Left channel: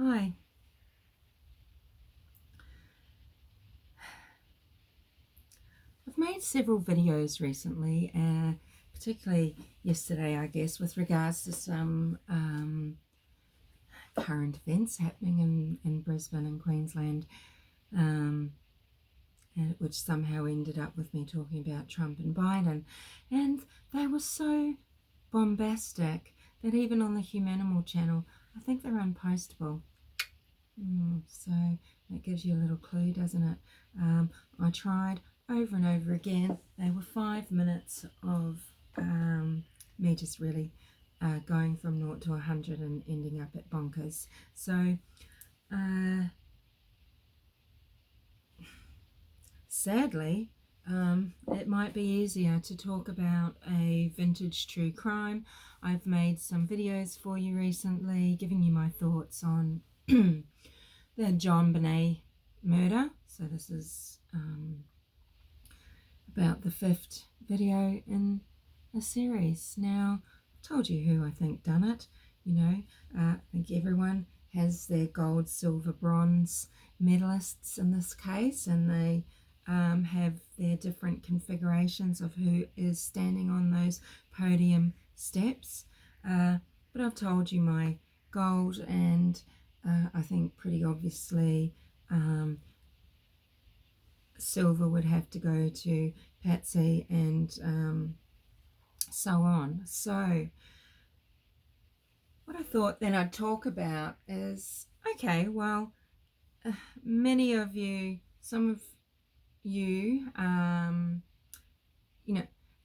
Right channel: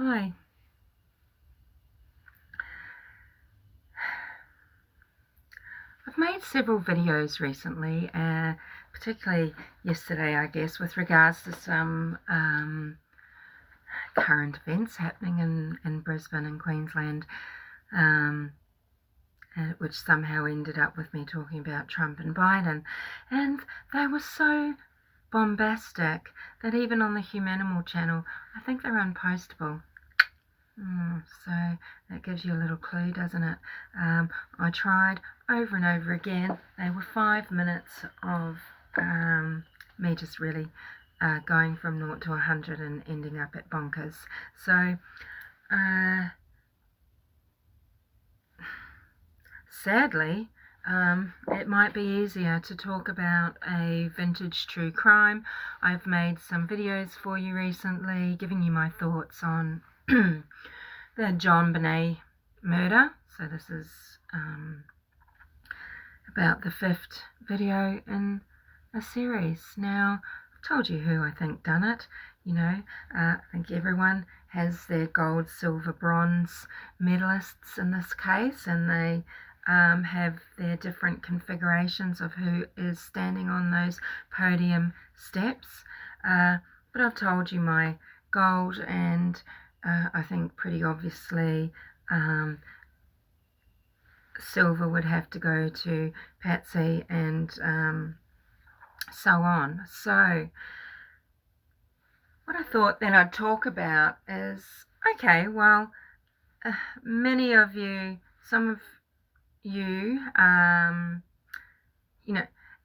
Hi. I've made several videos recently, particularly yesterday, I guess, with regards to some current events happening in Brisbane and Queensland, which somehow ended up with me talking about Trump and Biden. And they were so bombastic that even on the Humanimal channel, I think they're unpostable. So that gives you a little clue, doesn't it? I tried over and over again. They were 5 minutes of me just really going from 0 to 100 and ending up at bonkers. So sadly, it might be easier to talk about a vintage true crime. I've made some videos for you recently giving you my thoughts on the JonBenet murder. So this is about the 5th video in a series. Now, I've told you who I think done it. I think everyone has their gold, silver, bronze medalists in this case, and they have their different configurations of who is standing on those podium steps. But I've told you my gold, and I think pretty obviously silver would have to go to Patsy, and so on. So what I thought then I'd talk about is, okay, well, many of you, some of you,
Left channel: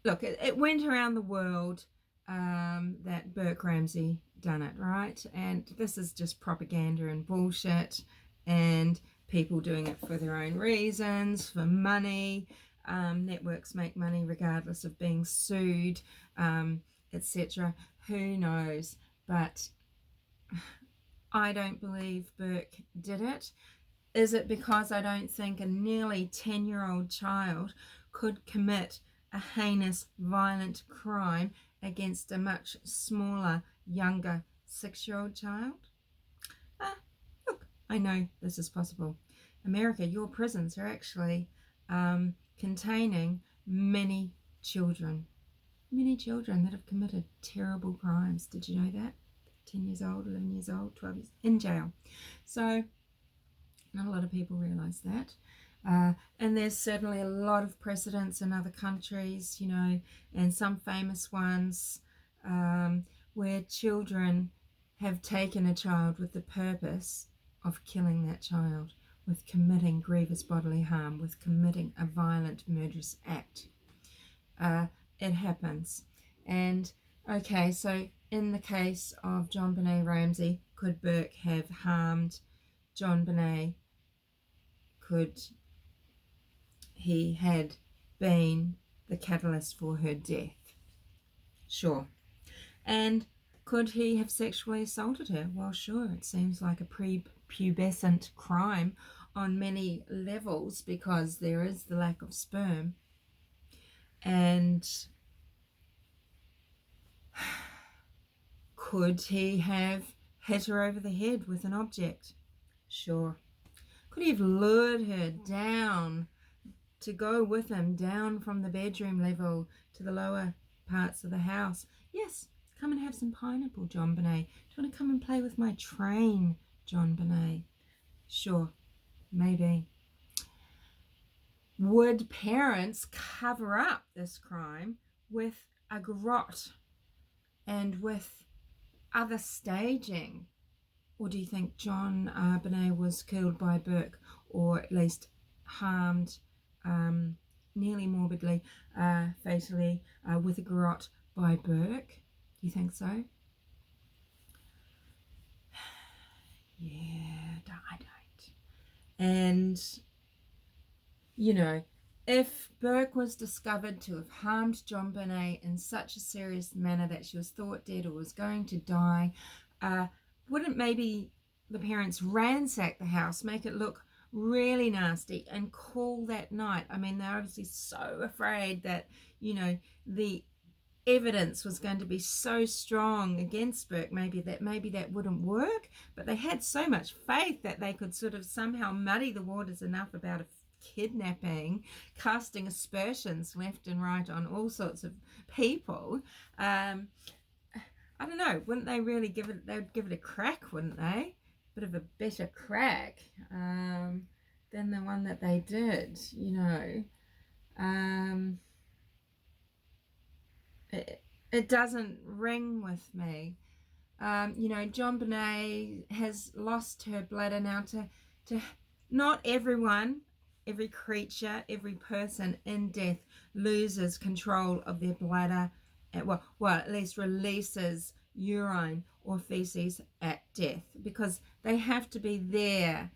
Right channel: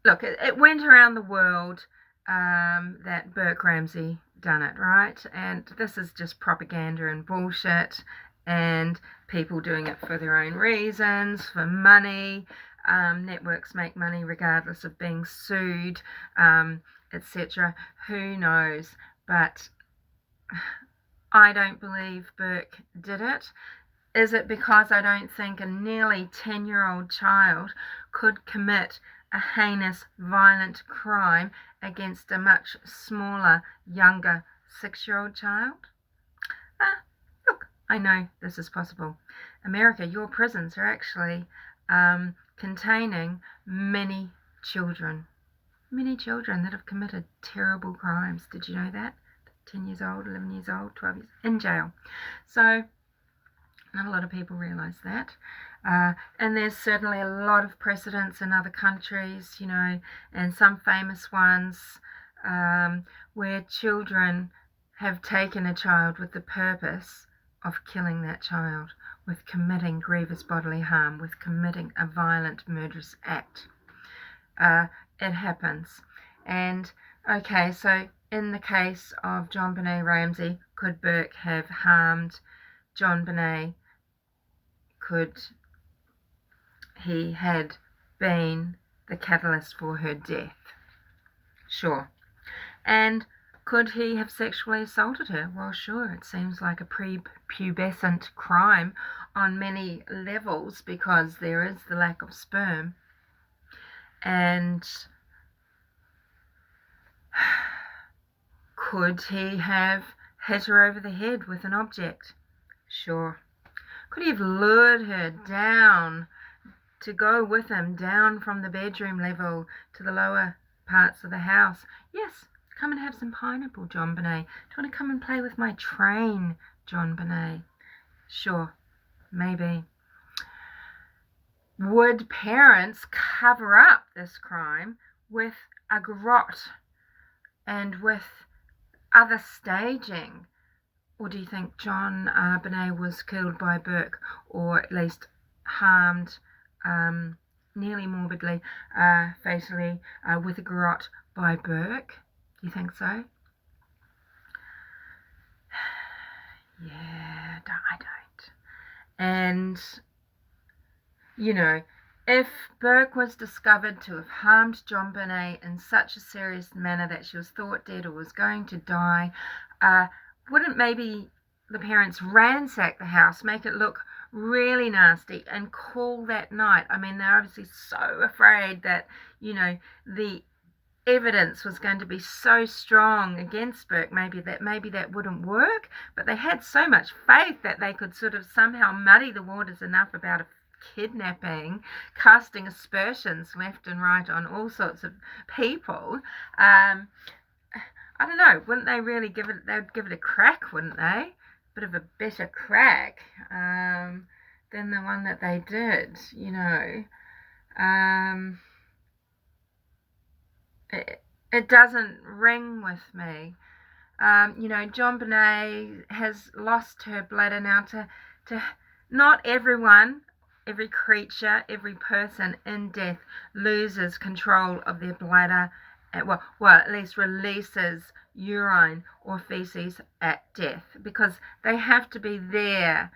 look, it went around the world that Burke Ramsey done it, right? And this is just propaganda and bullshit, and people doing it for their own reasons, for money. Networks make money regardless of being sued, etc. Who knows? But I don't believe Burke did it. Is it because I don't think a nearly 10-year-old child could commit a heinous, violent crime against a much smaller, younger 6-year-old child? Look, I know this is possible. America, your prisons are actually containing many children that have committed terrible crimes. Did you know that? 10 years old, 11 years old, 12 years in jail. So not a lot of people realise that. And there's certainly a lot of precedents in other countries, and some famous ones where children have taken a child with the purpose of killing that child, with committing grievous bodily harm, with committing a violent, murderous act. It happens. And okay, so in the case of JonBenet Ramsey, could Burke have harmed JonBenet? Could he had been the catalyst for her death? Sure. And could he have sexually assaulted her? Well, sure. It seems like a prepubescent crime on many levels because there is the lack of sperm. And could he have hit her over the head with an object? Sure. Could he have lured her down to go with him down from the bedroom level to the lower parts of the house? Yes. Come and have some pineapple, JonBenet. Do you want to come and play with my train, JonBenet? Sure. Maybe. Would parents cover up this crime with a garrote and with other staging? Or do you think JonBenet was killed by Burke, or at least harmed nearly morbidly, fatally, with a garrote by Burke? Do you think so? Yeah, I don't. And, if Burke was discovered to have harmed JonBenet in such a serious manner that she was thought dead or was going to die, wouldn't maybe the parents ransack the house, make it look really nasty, and call that night? I mean, they're obviously so afraid that, the evidence was going to be so strong against Burke, maybe that wouldn't work, but they had so much faith that they could sort of somehow muddy the waters enough about a kidnapping, casting aspersions left and right on all sorts of people. I don't know, wouldn't they really give it, they would give it a crack, wouldn't they? Bit of a better crack than the one that they did, you know. It doesn't ring with me. You know, JonBenet has lost her bladder now to not everyone, every creature, every person in death loses control of their bladder, well, at least releases urine or feces at death, because they have to be there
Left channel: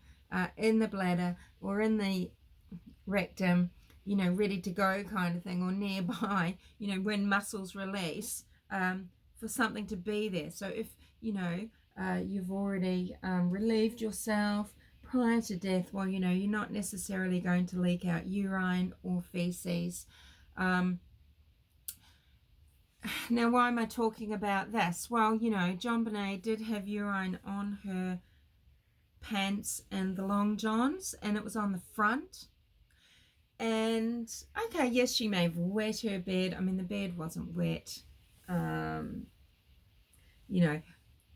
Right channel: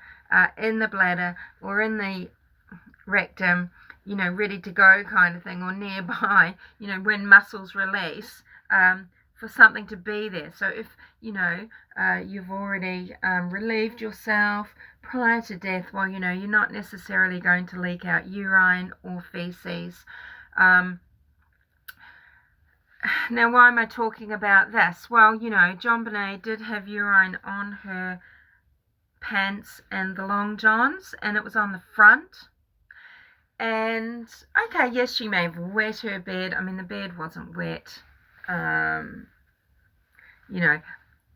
in the bladder or in the rectum, you know, ready to go kind of thing, or nearby, you know, when muscles release, for something to be there. So if, you know, you've already relieved yourself prior to death, well, you know, you're not necessarily going to leak out urine or feces. Now, why am I talking about this? Well, you know, JonBenet did have urine on her pants and the long johns, and it was on the front. And okay, yes, she may have wet her bed. I mean, the bed wasn't wet, you know,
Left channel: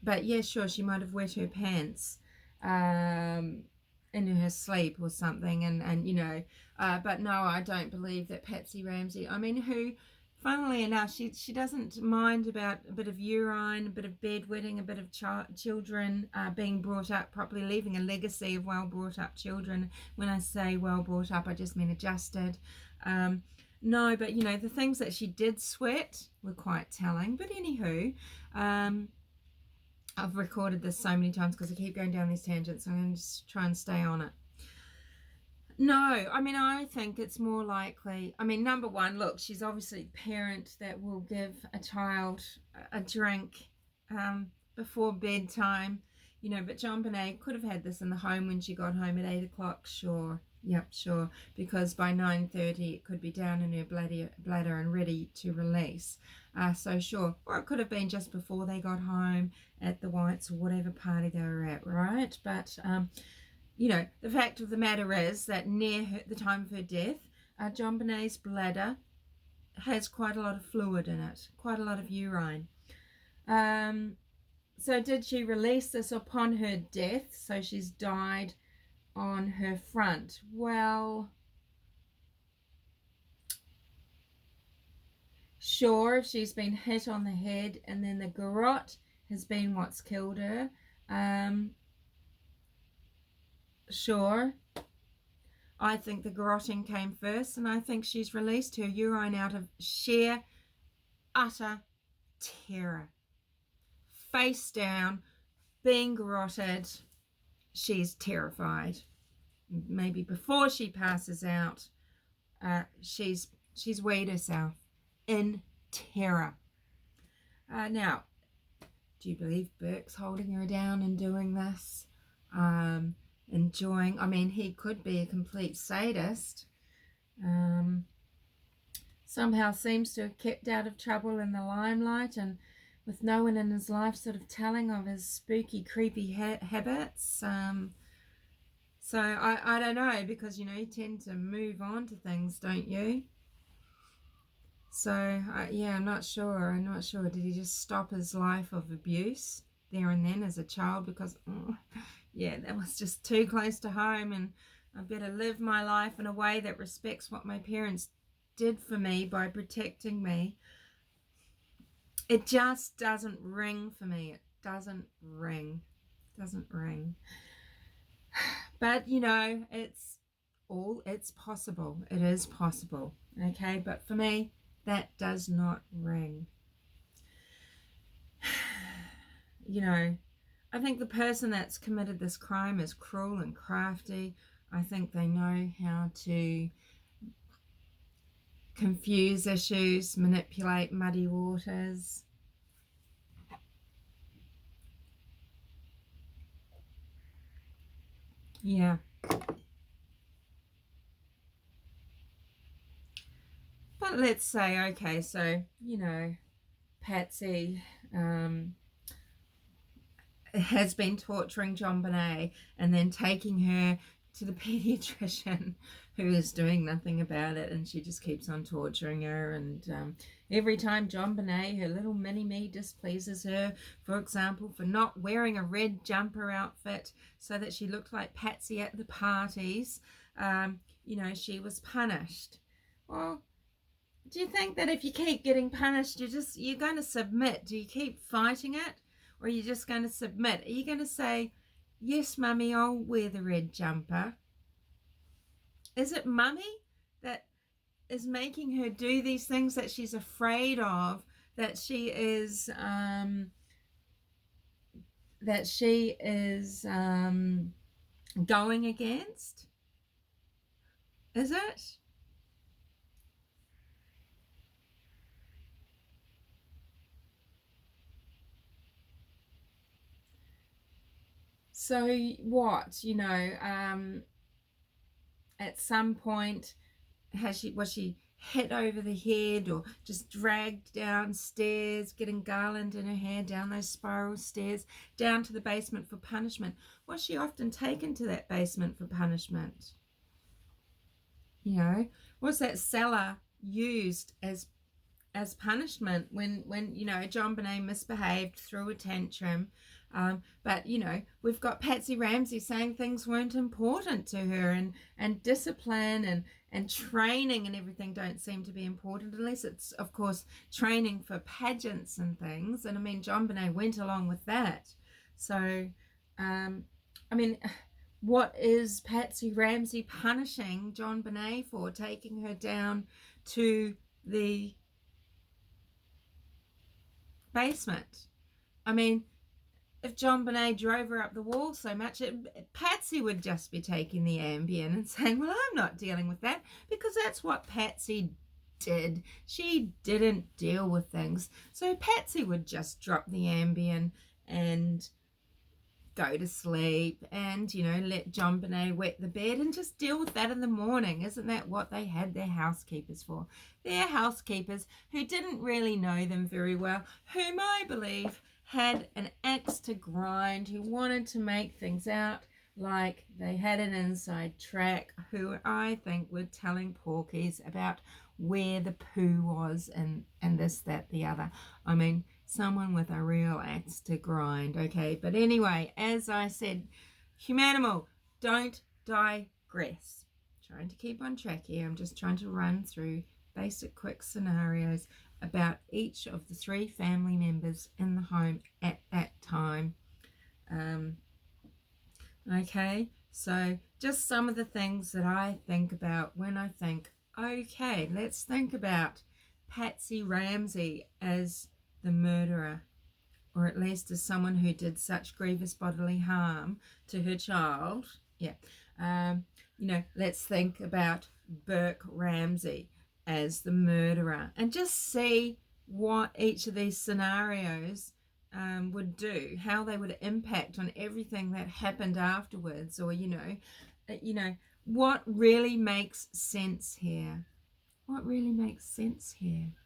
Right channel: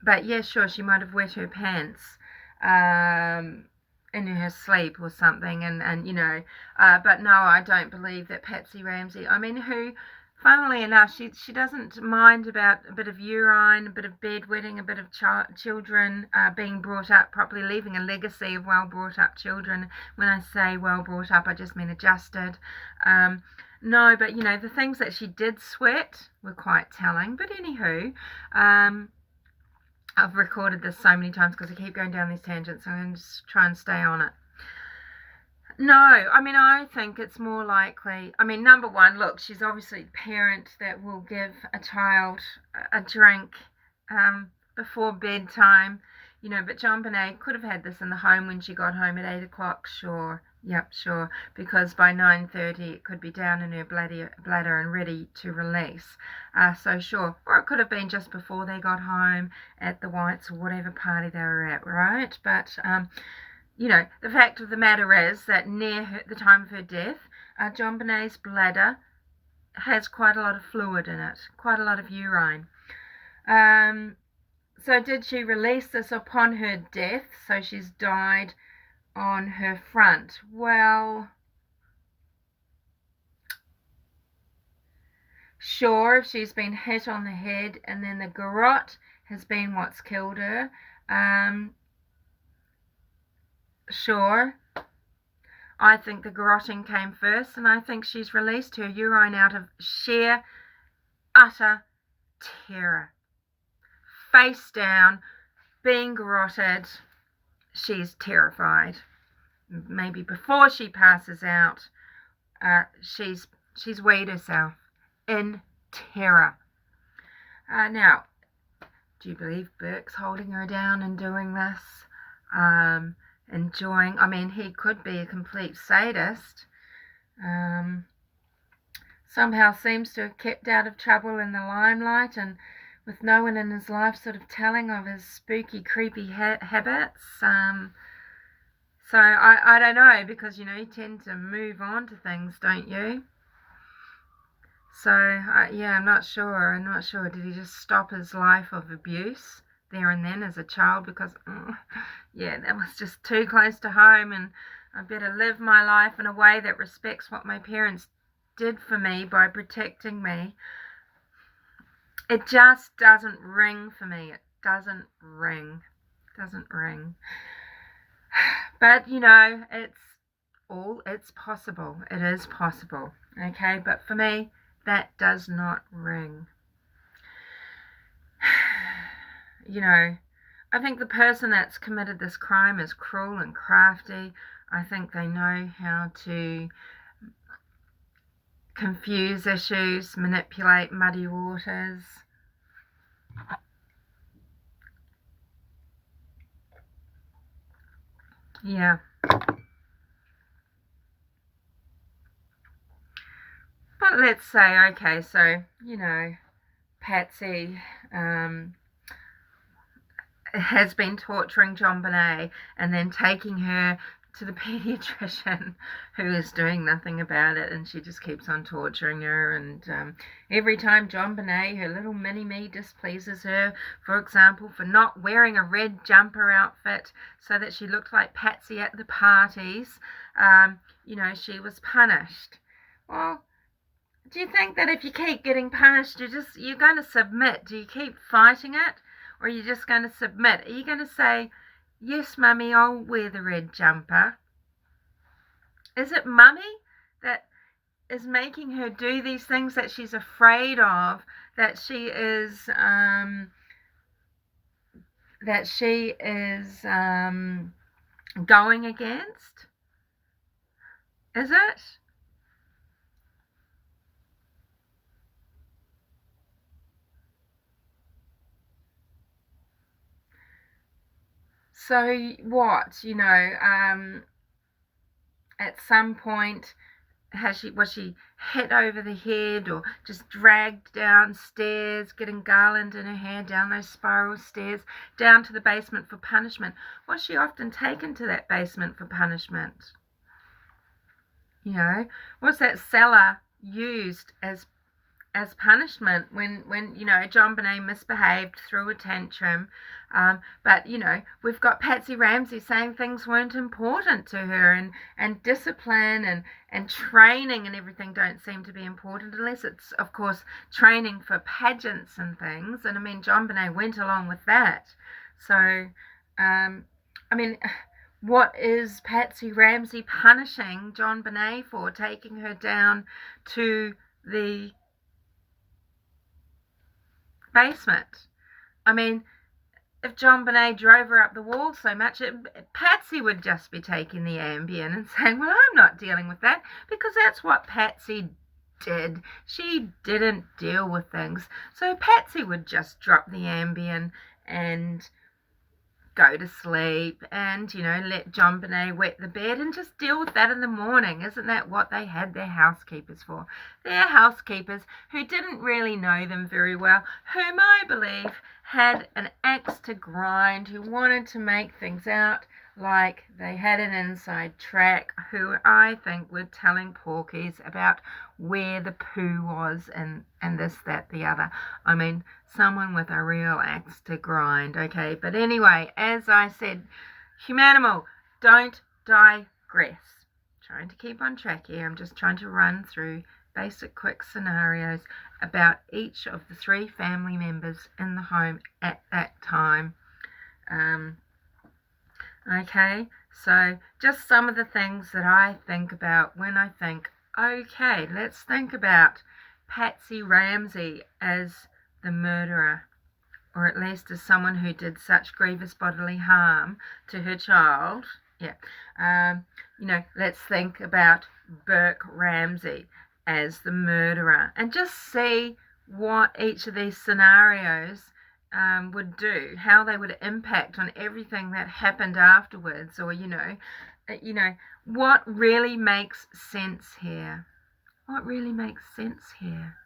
but yeah, sure, she might have wet her pants in her sleep or something. And you know, but no, I don't believe that Patsy Ramsey, I mean, who, funnily enough, she doesn't mind about a bit of urine, a bit of bedwetting, a bit of children being brought up properly, leaving a legacy of well brought up children. When I say well brought up, I just mean adjusted. No, but you know, the things that she did sweat were quite telling. But anywho, I've recorded this so many times because I keep going down these tangents, so I'm going to just try and stay on it. No, I mean, I think it's more likely, I mean, number one, look, she's obviously a parent that will give a child a drink before bedtime, you know, but JonBenet could have had this in the home when she got home at 8 o'clock, sure. Yep, sure, because by 9:30 it could be down in her bladder and ready to release. So sure, or it could have been just before they got home at the Whites or whatever party they were at, right? But you know, the fact of the matter is that near the time of her death, JonBenet's bladder has quite a lot of fluid in it, quite a lot of urine. So did she release this upon her death? So she's died on her front. Well, sure, if she's been hit on the head and then the garrote has been what's killed her, sure. I think the garroting came first, and I think she's released her urine out of sheer, utter terror. Face down, being garroted, she's terrified. Maybe before she passes out, she's weighed herself in terror. Now, do you believe Burke's holding her down and doing this? Enjoying, I mean, he could be a complete sadist. Somehow seems to have kept out of trouble in the limelight, and with no one in his life sort of telling of his spooky, creepy habits. So I don't know, because, you know, you tend to move on to things, don't you? So, yeah, I'm not sure. Did he just stop his life of abuse there and then as a child? Because, yeah, that was just too close to home, and I better live my life in a way that respects what my parents did for me by protecting me. It just doesn't ring for me. It doesn't ring. But, you know, it's possible. It is possible. Okay, but for me, that does not ring. You know, I think the person that's committed this crime is cruel and crafty. I think they know how to confuse issues, manipulate muddy waters. Yeah. But let's say, okay, so, you know, Patsy has been torturing JonBenet and then taking her to the pediatrician who is doing nothing about it, and she just keeps on torturing her. And every time JonBenet, her little mini-me, displeases her, for example, for not wearing a red jumper outfit so that she looked like Patsy at the parties, she was punished. Well, do you think that if you keep getting punished, you're going to submit? Do you keep fighting it? Or are you just going to submit? Are you going to say, yes, Mummy, I'll wear the red jumper? Is it Mummy that is making her do these things that she's afraid of, that she is going against? Is it? So what, at some point, was she hit over the head or just dragged downstairs, getting garland in her hair down those spiral stairs down to the basement for punishment? Was she often taken to that basement for punishment? Was that cellar used as punishment when JonBenet misbehaved, threw a tantrum? But we've got Patsy Ramsey saying things weren't important to her, and discipline and training and everything don't seem to be important, unless it's, of course, training for pageants and things. And I mean, JonBenet went along with that. So what is Patsy Ramsey punishing JonBenet for? Taking her down to the basement. I mean, if JonBenet drove her up the wall so much, Patsy would just be taking the Ambien and saying, well, I'm not dealing with that, because that's what Patsy did. She didn't deal with things. So Patsy would just drop the Ambien and go to sleep and, let JonBenet wet the bed and just deal with that in the morning. Isn't that what they had their housekeepers for? Their housekeepers who didn't really know them very well, whom I believe had an axe to grind, who wanted to make things out like they had an inside track, who I think were telling porkies about where the poo was and this, that, the other. I mean, someone with a real axe to grind, okay? But anyway, as I said, humanimal, don't digress. Trying to keep on track here. I'm just trying to run through basic quick scenarios about each of the 3 family members in the home at that time. Okay, so just some of the things that I think about when I think, okay, let's think about Patsy Ramsey as the murderer, or at least as someone who did such grievous bodily harm to her child. Let's think about Burke Ramsey as the murderer, and just see what each of these scenarios would do, how they would impact on everything that happened afterwards, or what really makes sense here. What really makes sense here?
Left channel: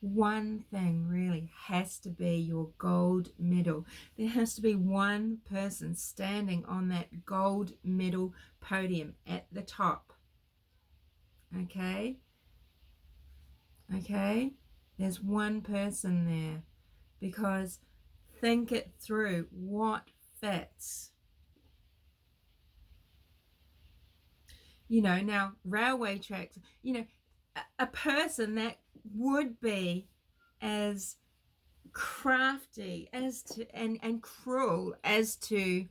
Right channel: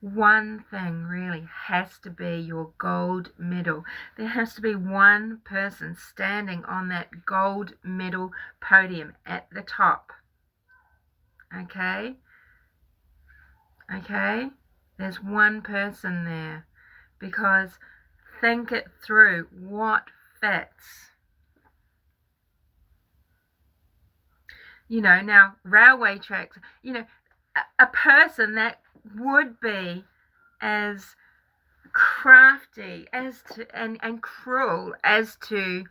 One thing really has to be your gold medal. There has to be one person standing on that gold medal podium at the top. Okay? There's one person there, because think it through. What fits? Now railway tracks, a person that would be as crafty as to and cruel as to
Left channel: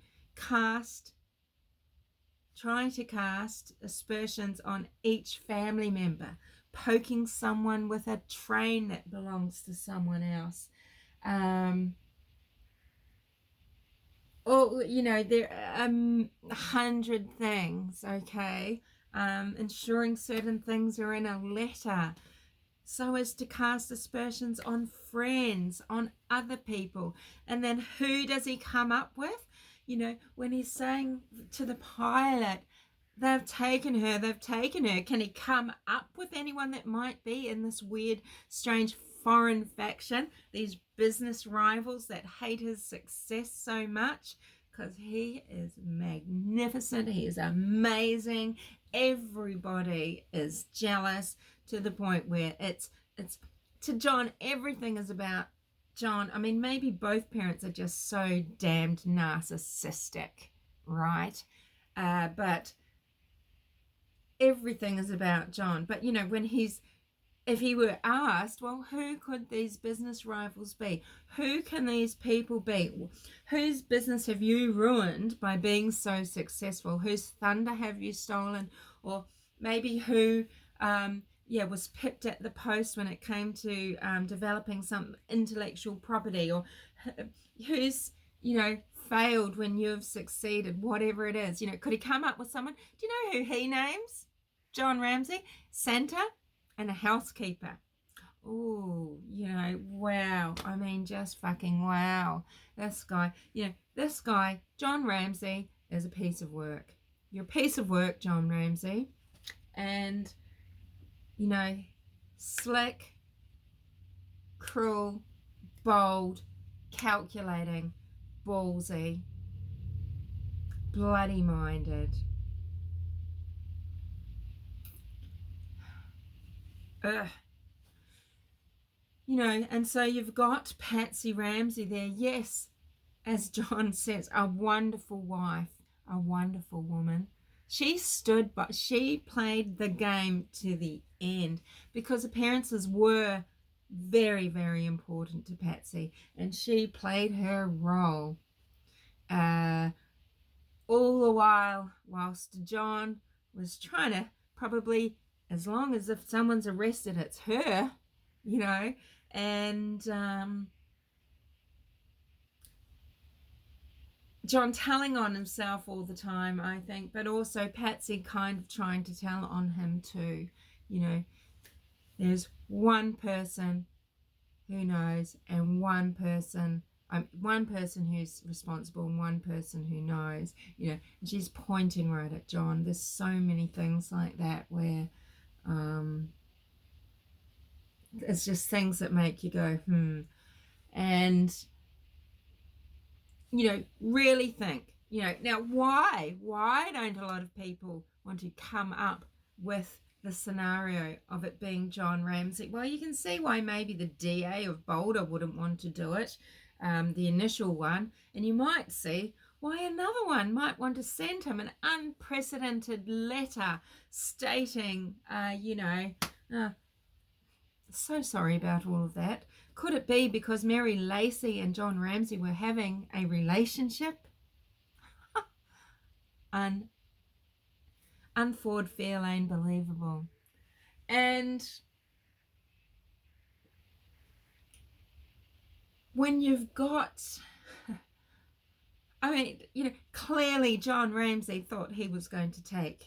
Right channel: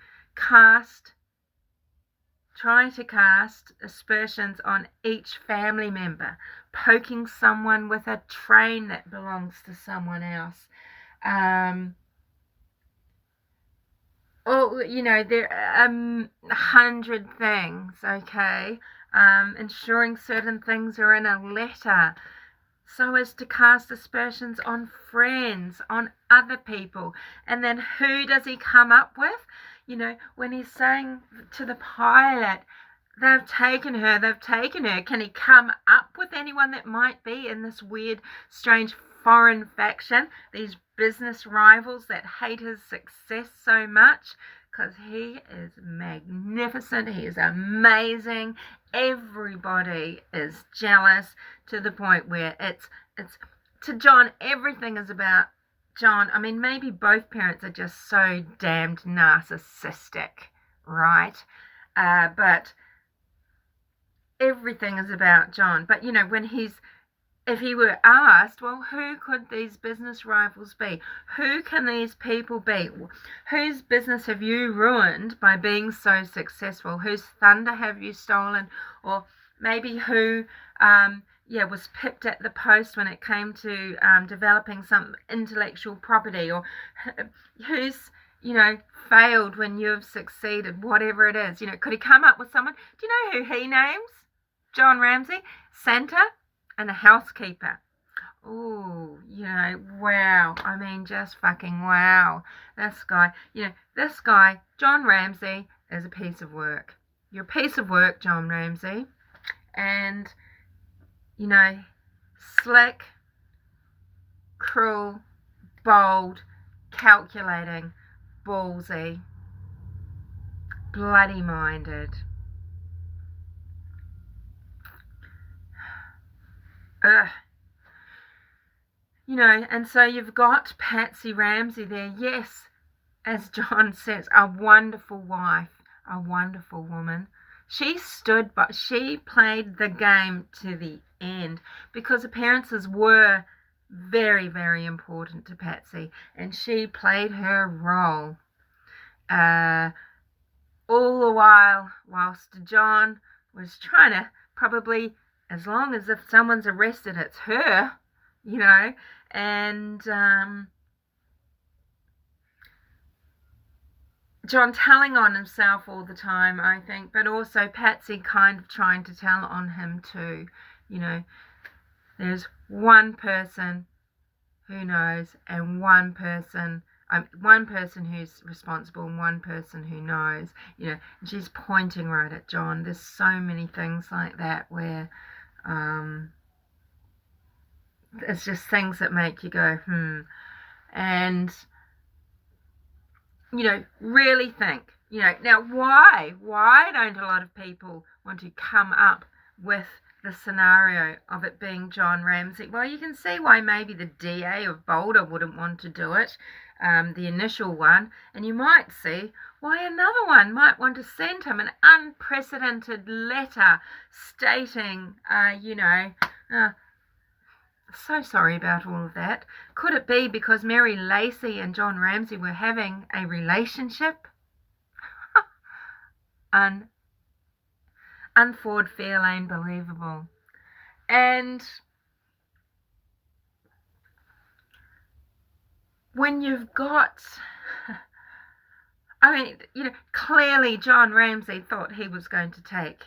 try to cast aspersions on each family member, poking someone with a train that belongs to someone else. There are 100 things, okay? Ensuring certain things are in a letter so as to cast aspersions on friends, on other people. And then who does he come up with? When he's saying to the pilot, they've taken her. Can he come up with anyone that might be in this weird, strange foreign faction, these business rivals that hate his success so much, because he is magnificent, he is amazing. Everybody is jealous to the point where it's to John, everything is about John. I mean, maybe both parents are just so damned narcissistic, right? But everything is about John. But, you know, if he were asked, well, who could these business rivals be? Who can these people be? Whose business have you ruined by being so successful? Whose thunder have you stolen? Or maybe who was pipped at the post when it came to developing some intellectual property? Or who's, you know, failed when you've succeeded, whatever it is. You know, could he come up with someone? Do you know who he names? John Ramsey, Santa, and a housekeeper. Oh, you know, wow. I mean, just fucking wow. This guy, John Ramsey, is a piece of work. You're a piece of work, John Ramsey. And, you know, slick, cruel, bold, calculating, ballsy, bloody minded. You know, and so you've got Patsy Ramsey there. Yes, as John says, a wonderful wife, a wonderful woman. She stood, but she played the game to the end, because appearances were very, very important to Patsy, and she played her role. All the while, whilst John was trying to probably, as long as if someone's arrested, it's her, you know, and John telling on himself all the time, I think, but also Patsy kind of trying to tell on him too. You know, there's one person who knows, and one person who's responsible, and one person who knows. You know, and she's pointing right at John. There's so many things like that where it's just things that make you go, and, you know, really think, you know, now why don't a lot of people want to come up with the scenario of it being John Ramsey? Well, you can see why maybe the DA of Boulder wouldn't want to do it, the initial one, and you might see why another one might want to send him an unprecedented letter stating, so sorry about all of that. Could it be because Mary Lacey and John Ramsey were having a relationship? Unford Fairlane believable. And when you've got, I mean, you know, clearly John Ramsey thought he was going to take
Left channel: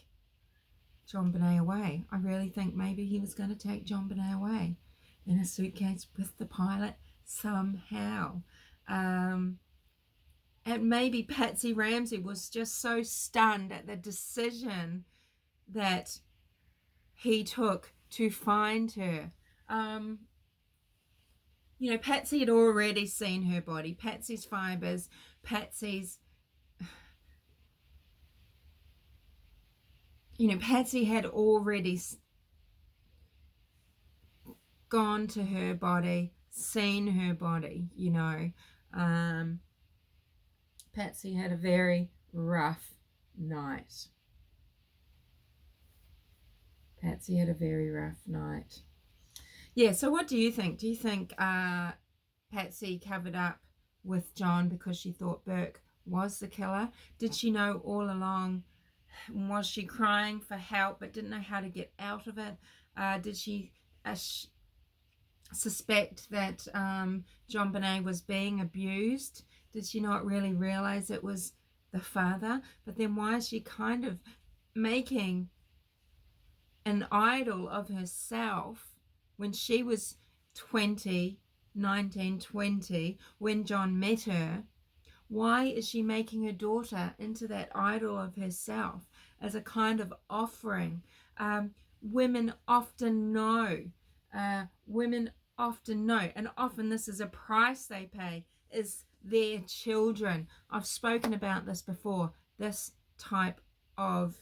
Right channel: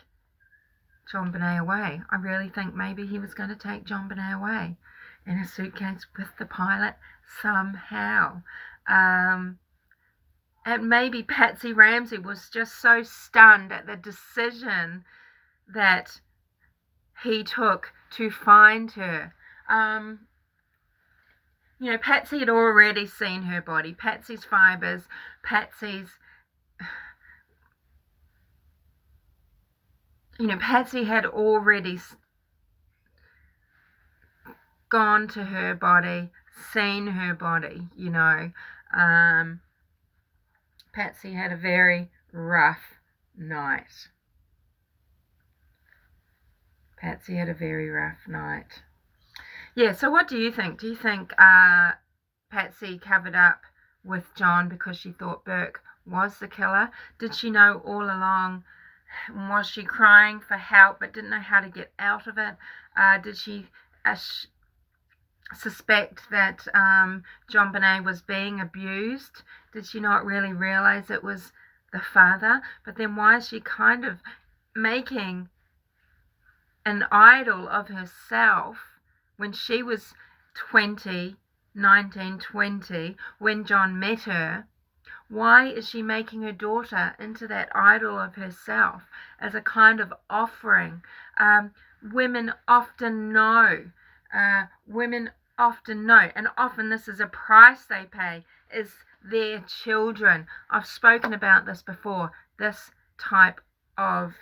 JonBenet away. I really think maybe he was going to take JonBenet away in a suitcase with the pilot somehow. And maybe Patsy Ramsey was just so stunned at the decision that he took to find her. You know, Patsy had already seen her body, Patsy's fibers, Patsy's, you know, Patsy had already gone to her body, seen her body, you know. Patsy had a very rough night. Patsy had a very rough night. Yeah, so what do you think? Do you think Patsy covered up with John because she thought Burke was the killer? Did she know all along? Was she crying for help but didn't know how to get out of it? Did she suspect that JonBenet was being abused? Did she not really realize it was the father? But then why is she kind of making an idol of herself when she was 20, 19, 20, when John met her? Why is she making her daughter into that idol of herself as a kind of offering? Women often know. Women often know, and often this is a price they pay, is their children. I've spoken about this before, this type of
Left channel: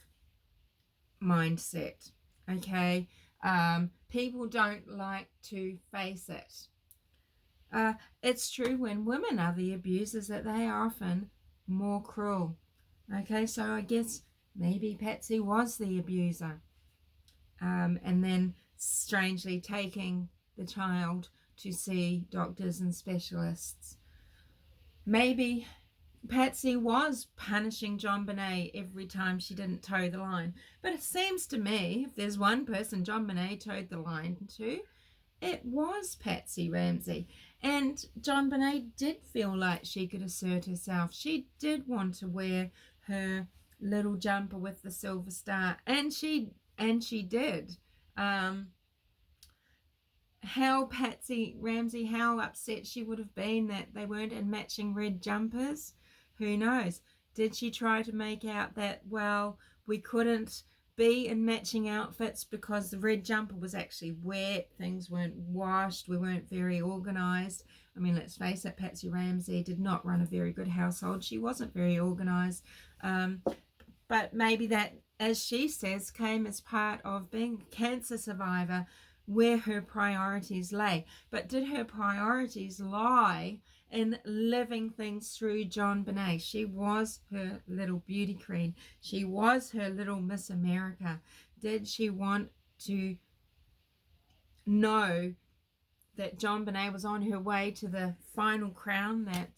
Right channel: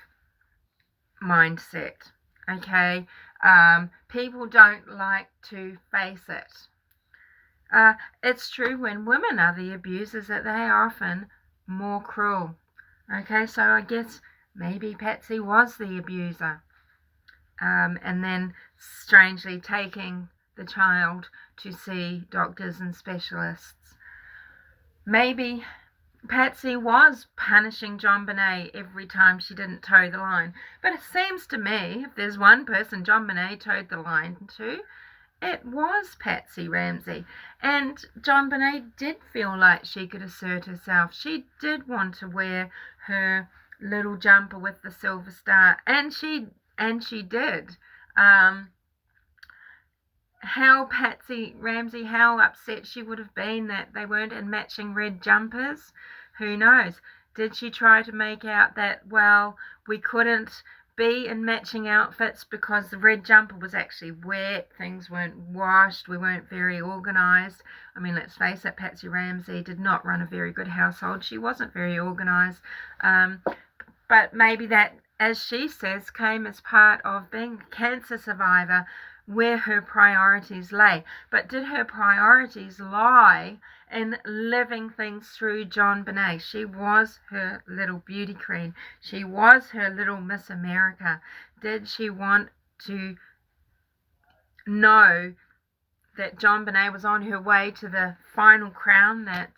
mindset. Okay, people don't like to face it. It's true when women are the abusers that they are often more cruel. Okay, so I guess maybe Patsy was the abuser, and then strangely taking the child to see doctors and specialists. Maybe Patsy was punishing JonBenet every time she didn't toe the line. But it seems to me, if there's one person JonBenet toed the line to, it was Patsy Ramsey. And JonBenet did feel like she could assert herself. She did want to wear her little jumper with the silver star, and she did. How Patsy Ramsey, how upset she would have been that they weren't in matching red jumpers. Who knows? Did she try to make out that, well, we couldn't be in matching outfits because the red jumper was actually wet, things weren't washed, we weren't very organised? I mean, let's face it, Patsy Ramsey did not run a very good household. She wasn't very organised. But maybe that, as she says, came as part of being a cancer survivor, where her priorities lay. But did her priorities lie in living things through JonBenet? She was her little beauty queen. She was her little Miss America. Did she want to know that JonBenet was on her way to the final crown that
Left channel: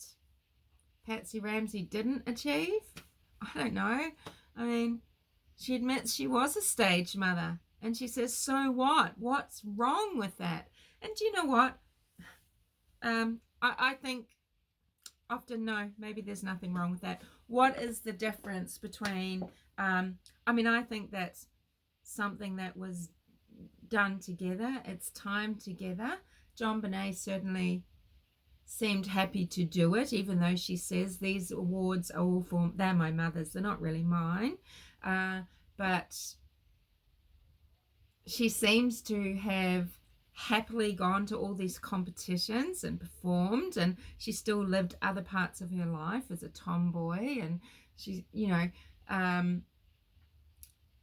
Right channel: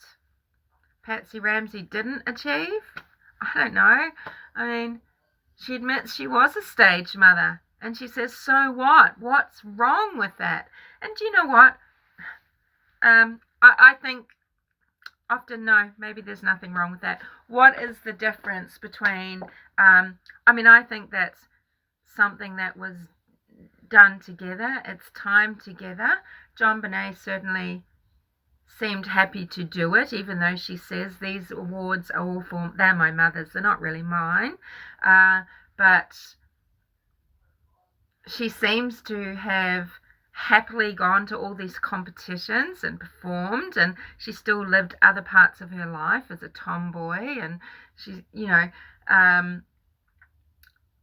Patsy Ramsey didn't achieve? I don't know. I mean, she admits she was a stage mother. And she says, so what? What's wrong with that? And do you know what? I think often, no, maybe there's nothing wrong with that. What is the difference between, I think that's something that was done together. It's time together. JonBenet certainly seemed happy to do it, even though she says these awards are all for, they're my mother's, they're not really mine. But she seems to have happily gone to all these competitions and performed, and she still lived other parts of her life as a tomboy, and she,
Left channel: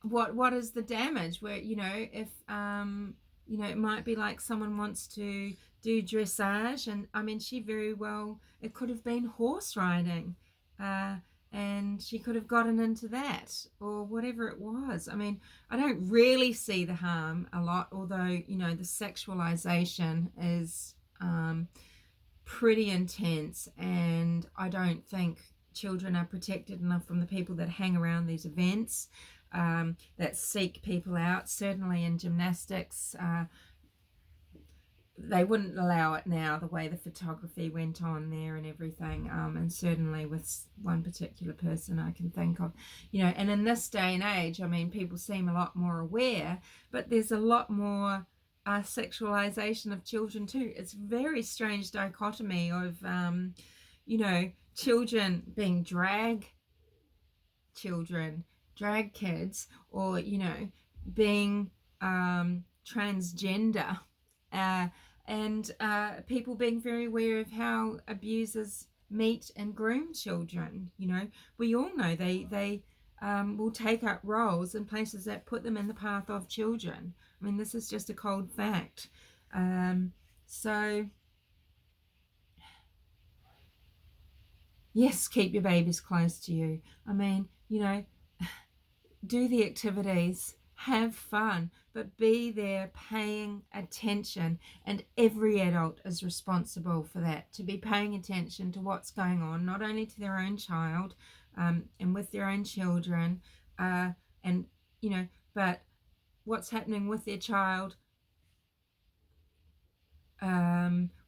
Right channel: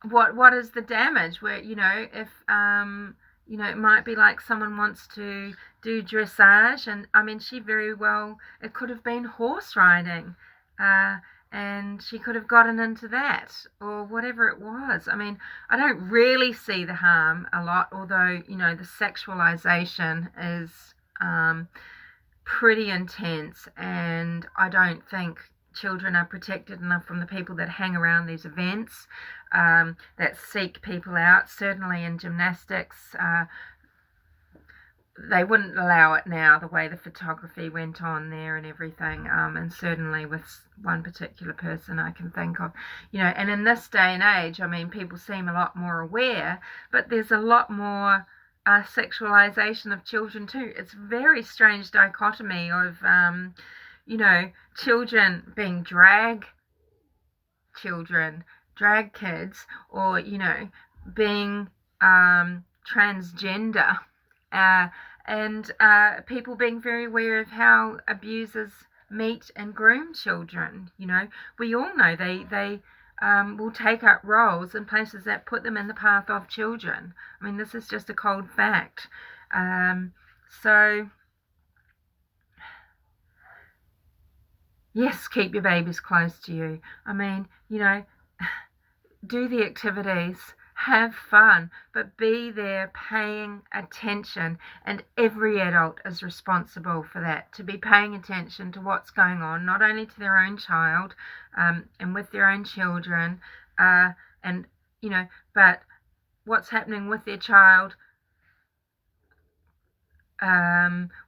what is the damage where, if it might be like someone wants to do dressage, and I mean, she very well, it could have been horse riding, and she could have gotten into that, or whatever it was. I mean, I don't really see the harm a lot, although, the sexualization is pretty intense, and I don't think children are protected enough from the people that hang around these events, that seek people out. Certainly in gymnastics, they wouldn't allow it now, the way the photography went on there and everything, and certainly with one particular person I can think of, and in this day and age, I mean, people seem a lot more aware, but there's a lot more sexualization of children too. It's a very strange dichotomy of children being drag kids, or being transgender, and people being very aware of how abusers meet and groom children. We all know they will take up roles in places that put them in the path of children. I mean, this is just a cold fact. So yes, keep your babies close to you. I mean, do the activities, have fun, but be there paying attention, and every adult is responsible for that, to be paying attention to what's going on, not only to their own child, and with their own children, and but what's happening with their child,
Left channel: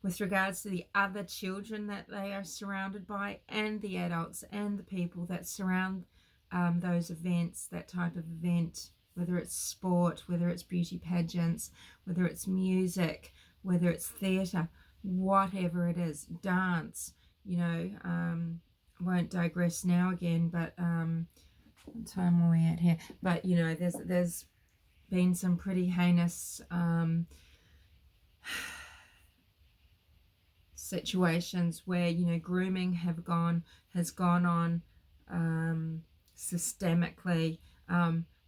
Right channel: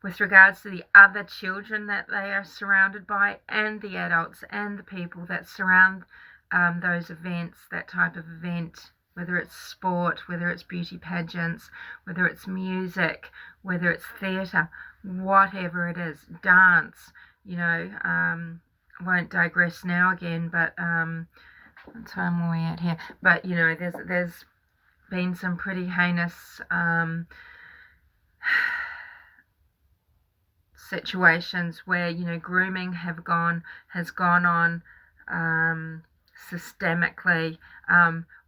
with regards to the other children that they are surrounded by, and the adults and the people that surround those events, that type of event, whether it's sport, whether it's beauty pageants, whether it's music, whether it's theatre, whatever it is, dance, I won't digress now again, but what time are we at here? But there's been some pretty heinous situations where, you know, grooming has gone on systemically,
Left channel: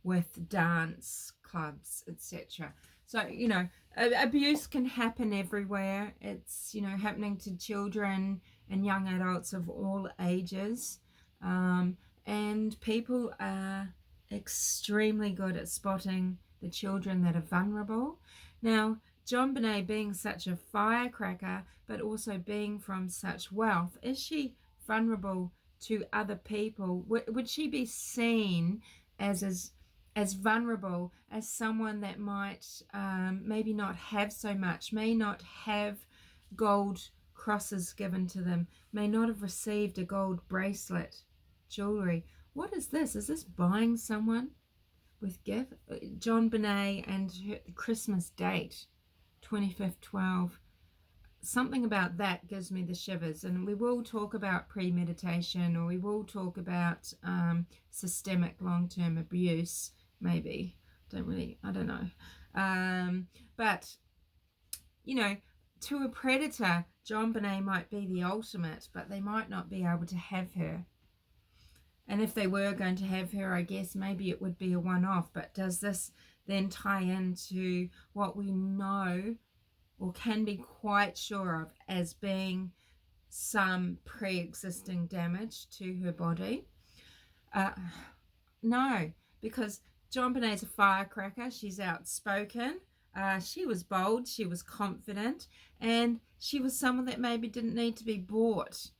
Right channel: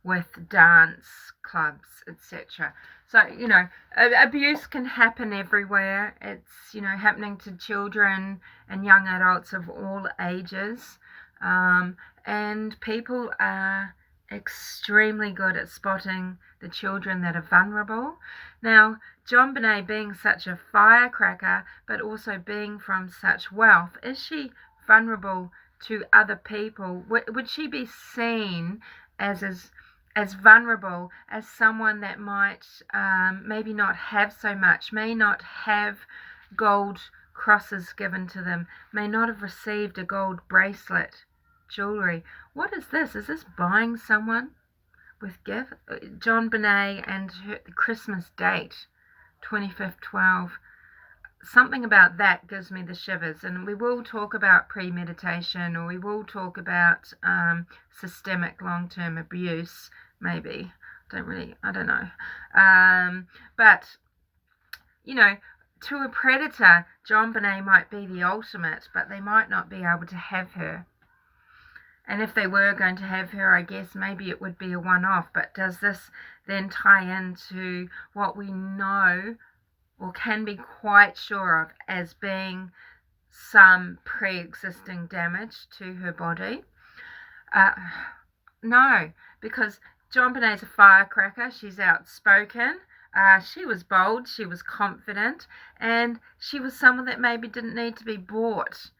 with dance clubs, etc. So, you know, abuse can happen everywhere. It's, you know, happening to children and young adults of all ages. And people are extremely good at spotting the children that are vulnerable. Now, JonBenet being such a firecracker, but also being from such wealth, is she vulnerable to other people? Would she be seen as vulnerable as someone that might maybe not have so much, may not have gold crosses given to them, may not have received a gold bracelet, jewelry? What is this? Is this buying someone with gift? JonBenet and the Christmas date, 25th 12. Something about that gives me the shivers. And we will talk about premeditation, or we will talk about systemic long-term abuse, maybe. I don't know. But, you know, to a predator, JonBenet might be the ultimate, but they might not be able to have her. And if they were going to have her, I guess maybe it would be a one-off. But does this then tie into what we know or can be quite sure of as being some pre-existing damage to her body? No, because JonBenet's a firecracker. She's outspoken. She was bold. She was confident. And she was someone that maybe didn't need to be bought.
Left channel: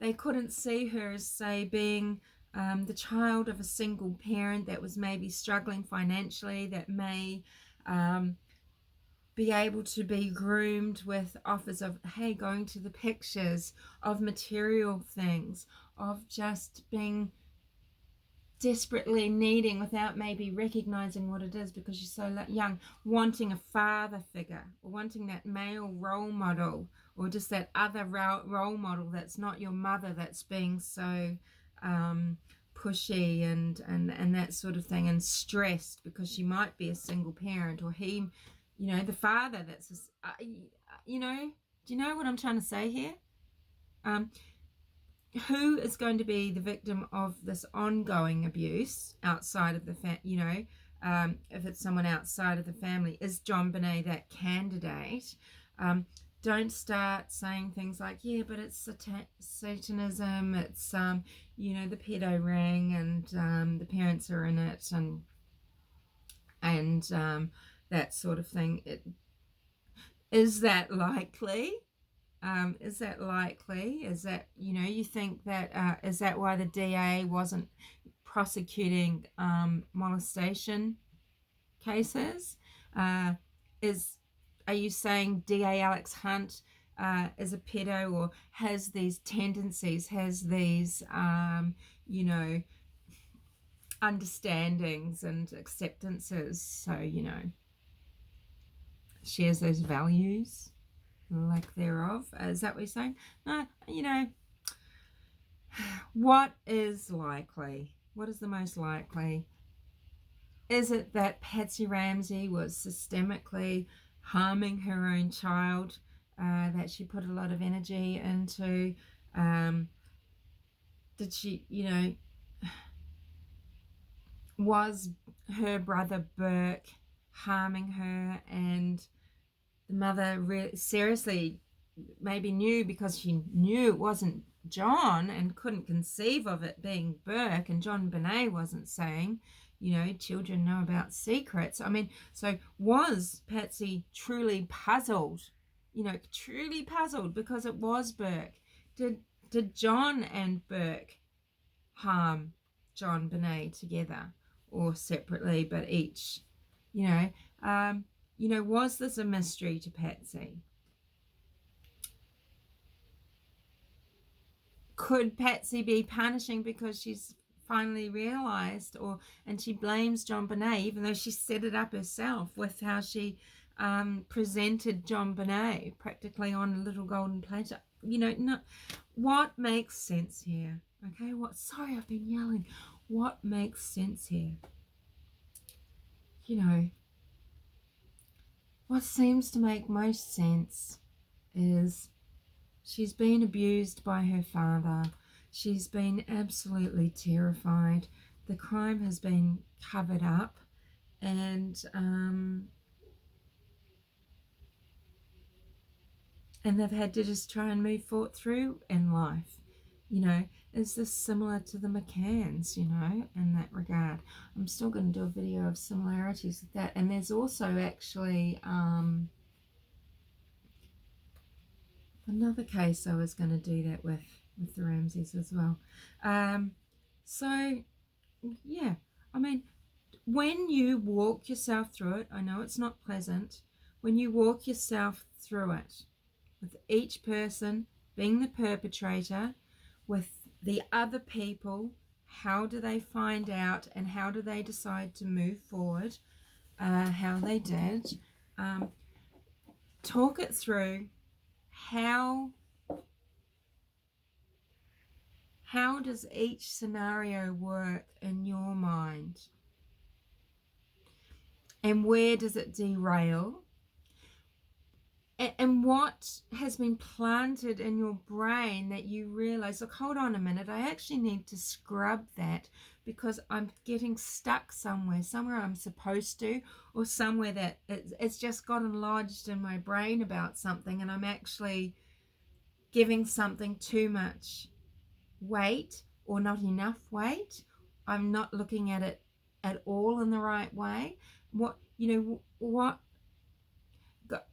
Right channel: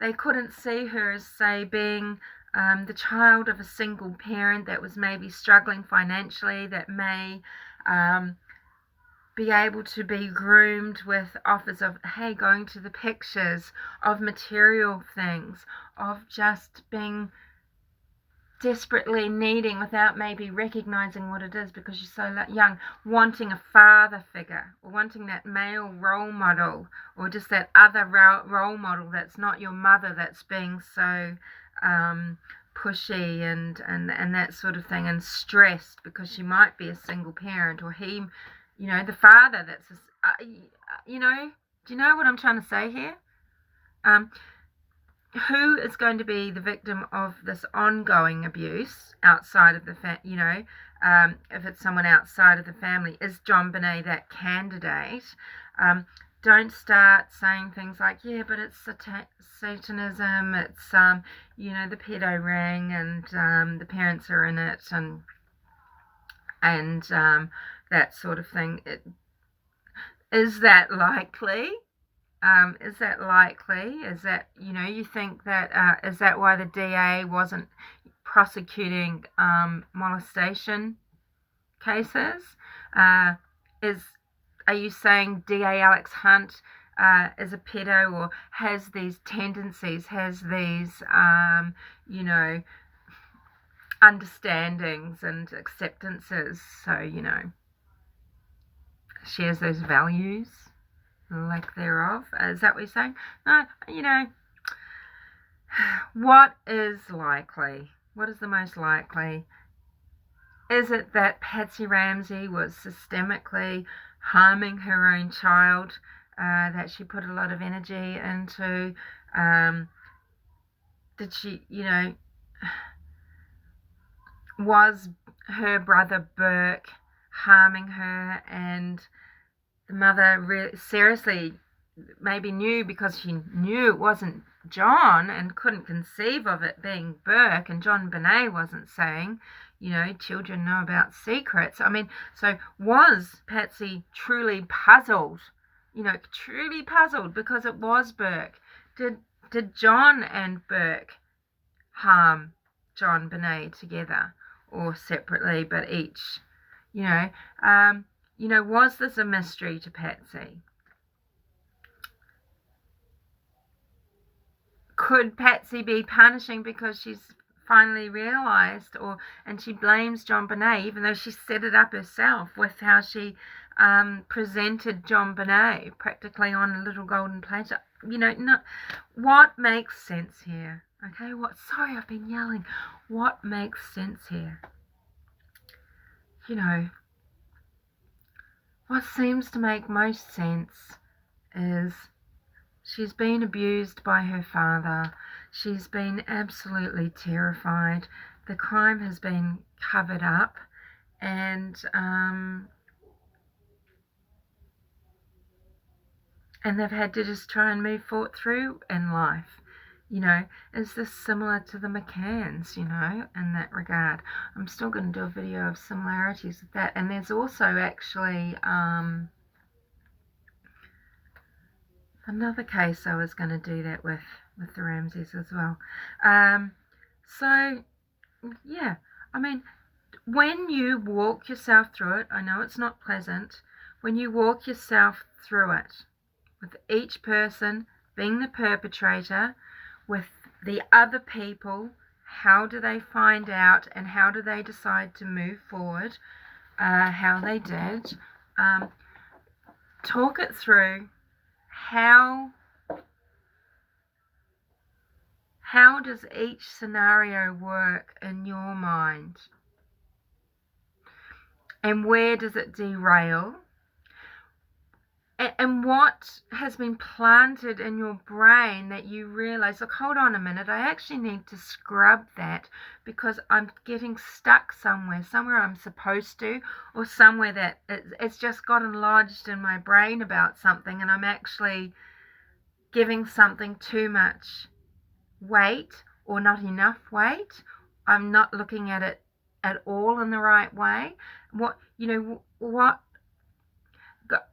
They couldn't see her as, say, being the child of a single parent that was maybe struggling financially, that may be able to be groomed with offers of, hey, going to the pictures, of material things, of just being desperately needing without maybe recognizing what it is because you're so young, wanting a father figure, or wanting that male role model, or just that other role model that's not your mother, that's being so pushy and that sort of thing, and stressed because she might be a single parent, or he, you know, the father that's you know, do you know what I'm trying to say here? Who is going to be the victim of this ongoing abuse outside of the you know, if it's someone outside of the family? Is JonBenet that candidate? Don't start saying things like, yeah, but it's Satanism, it's you know, the pedo ring, and the parents are in it, and that sort of thing. Is that likely? Is that likely? Is that, you know, you think that, is that why the DA wasn't prosecuting molestation cases? Are you saying DA Alex Hunt is a pedo, or has these tendencies, has these, you know, understandings and acceptances, so, you know, shares those values? Lack thereof. Is that what you're saying? No, you know, what is likely? What is the most likely? Is it that Patsy Ramsey was systemically harming her own child, that she put a lot of energy into? Did she, you know, was her brother Burke harming her, and the mother seriously maybe knew, because she knew it wasn't John and couldn't conceive of it being Burke, and JonBenet wasn't saying, you know, children know about secrets. I mean, so was Patsy truly puzzled, you know, truly puzzled because it was Burke? Did John and Burke harm JonBenet together or separately, but each, you know? You know, was this a mystery to Patsy? Could Patsy be punishing because she's finally realised, and she blames JonBenet, even though she set it up herself with how she presented JonBenet practically on a little golden platter? You know, what makes sense here? Okay, sorry, I've been yelling. What makes sense here? You know, what seems to make most sense is she's been abused by her father. She's been absolutely terrified. The crime has been covered up, and they've had to just try and move forward through in life. You know, is this similar to the McCanns, you know, in that regard? I'm still going to do a video of similarities with that. And there's also actually another case I was going to do that with the Ramseys as well. So, yeah, I mean, when you walk yourself through it, I know it's not pleasant, when you walk yourself through it, with each person being the perpetrator, with the other people, how do they find out and how do they decide to move forward, how they did, talk it through. How does each scenario work in your mind? And where does it derail? And what has been planted in your brain that you realize, look, hold on a minute, I actually need to scrub that because I'm getting stuck somewhere I'm supposed to, or somewhere that it's just gotten lodged in my brain about something, and I'm actually giving something too much weight or not enough weight. I'm not looking at it at all in the right way.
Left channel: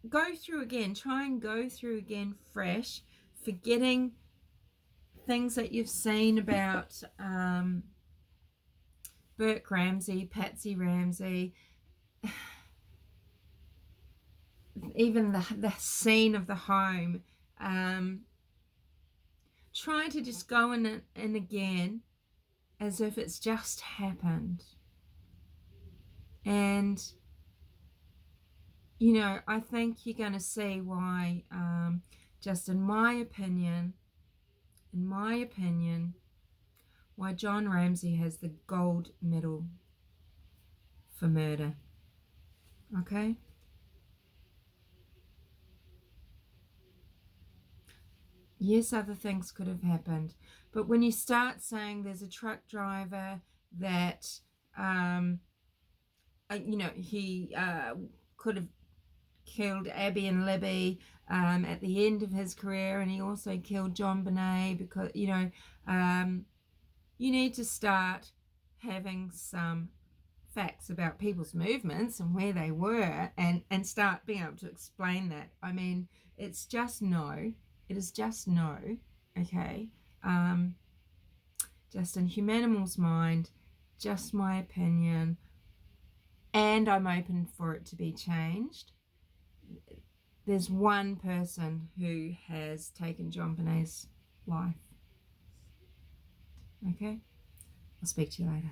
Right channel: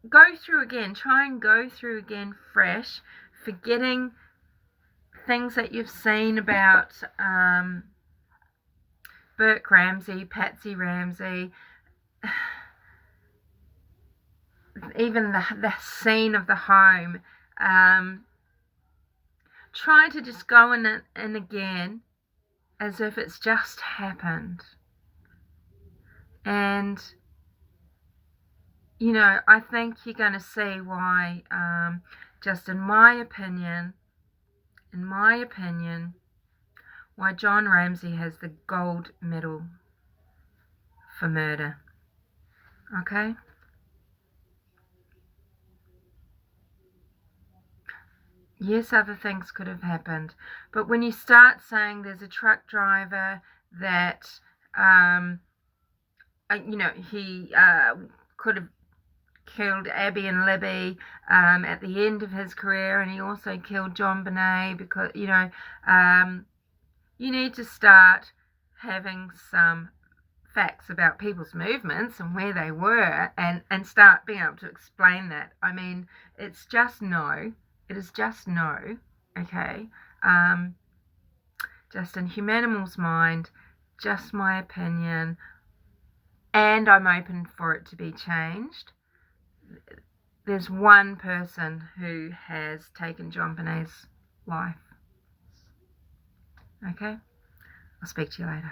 Go through again, try and go through again fresh, forgetting things that you've seen about Burke Ramsey, Patsy Ramsey, even the scene of the home. Try to just go in again as if it's just happened. And you know, I think you're going to see why, just in my opinion, why John Ramsey has the gold medal for murder. Okay? Yes, other things could have happened. But when you start saying there's a truck driver that, he could have killed Abby and Libby at the end of his career, and he also killed JonBenet, because, you know, you need to start having some facts about people's movements and where they were, and start being able to explain that. I mean, it's just no. It is just no. Okay? Just in Humanimal's mind, just my opinion, and I'm open for it to be changed. There's one person who has taken JonBenet's life. Okay? I'll speak to you later.